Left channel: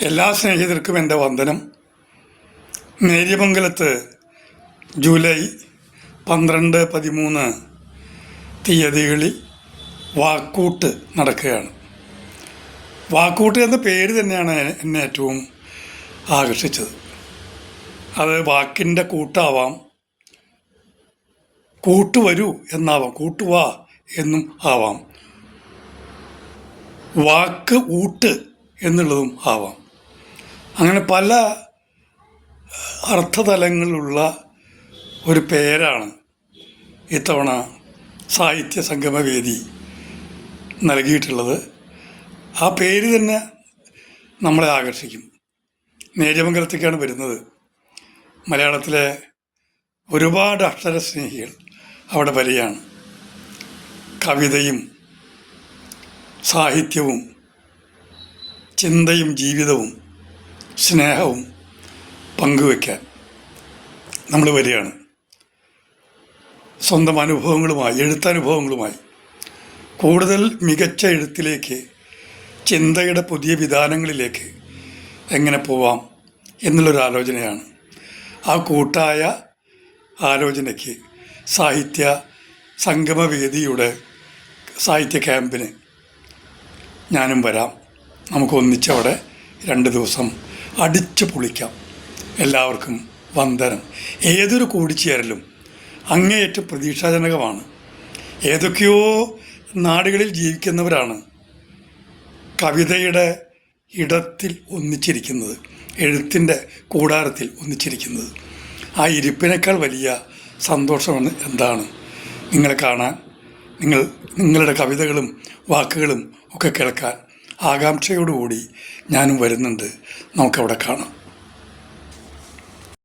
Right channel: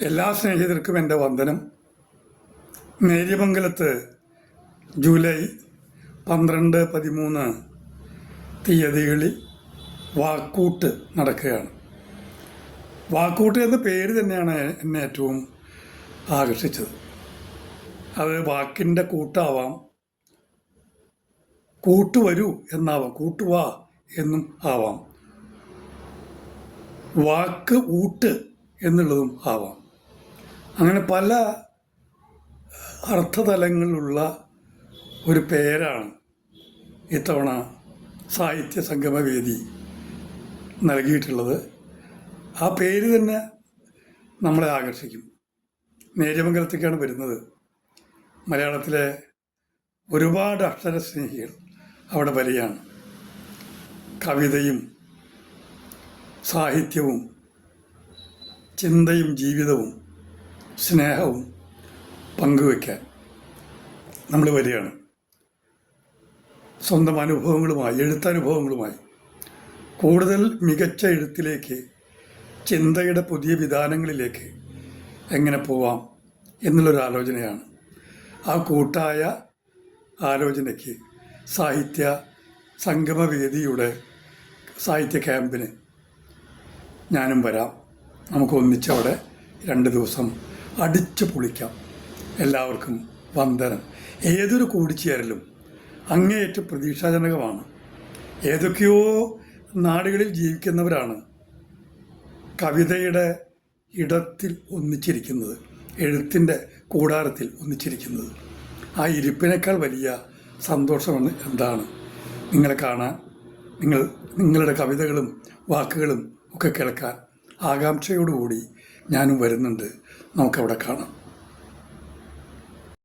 എല്ലാ സ്നേഹിതർക്കും എന്റെ വന്ദനം. നേര്യമംഗലത്ത് ജൂലൈ പന്ത്രണ്ട് പതിമൂന്ന് തീയതികളിൽ വാക്കൂട്ട് നടക്കുകയാണ്. വാക്കൂട്ട് എന്ന പേര് തന്നെയാണ് എന്നെ ഏറ്റവും ആകർഷിച്ചത്. അത് വാക്കിന്റെ കൂട്ടാവാം. കൂട്ടുവരൂ എന്നാവാം. കൂട്ടുവാ എന്നും ആവാം. വാക്ക് ഊട്ട് എന്നുള്ളതും ആവാം. അങ്ങനെ പല അർത്ഥതലങ്ങളുള്ള ഒരു പേരാണ് ഇത്തവണ സാഹിത്യ സംഗമവേദി നൽകിയിട്ടുള്ളത്. ആ പേര് തന്നെ നമ്മളെ ആകർഷിക്കും. നേര്യമംഗലത്തേക്കാണ് വരുന്നത്. മലയാളത്തിലെ ഒരുപാട് അക്ഷരസ്നേഹികൾ അവിടെ വരികയാണ്. കവിതയും സാഹിത്യവും ചിന്തയും ജീവിതവും സ്നേഹവും പങ്കുവയ്ക്കാൻ നമ്മൾ വരികയാണ്. സ്വന്തം അനുഭവങ്ങളുമായി എഴുത്തനുഭവങ്ങളുമായി കൂടുതൽ മികച്ച എഴുത്തിലേക്ക് ചിന്തയുടെ പുതിയ വിധാനങ്ങളിലേക്ക് എങ്ങനെ പോവാം എന്നുള്ളൊരു ആലോചനയാണ്. ആ കൂട്ടായ ആലോചനയ്ക്ക് സാഹിത്യ സംഗമവേദിയുടെ സാഹിത്യ ക്യാമ്പിന് ഞാനും വരാം. നമുക്ക് ഒന്നിച്ചവിടെ രണ്ട് ദിവസം അടിച്ചു പൊളിക്കാം. എല്ലാവർക്കും വന്ദനം. ഏതൊരു കൂടിച്ചേരലും അങ്ങേയറ്റം പ്രതീക്ഷാജനകമാണ്. ഏതൊക്കെയോ നാടുകളിൽ ജീവിക്കുന്നവരാണ് കവിതയുടെ ഇടത്തിൽ ഒന്നിച്ചിരിക്കുന്നത് എഴുത്തിന്റെ കൂടാരത്തിൽ ഒന്നിച്ചിരിക്കുന്നത്. ആ ഇരിപ്പിനേക്കാൾ വലിയ സന്തോഷമാണ് എന്താണ്? നിങ്ങളെ കാണാൻ നിങ്ങൾ നിങ്ങളുടെ കവിതകളും വാക്കുകളും ഒക്കെ കേൾക്കാൻ ആകാംക്ഷയോടുകൂടി ഞാനും വരുന്നുണ്ട്. നമുക്കവിടെ കാണാം.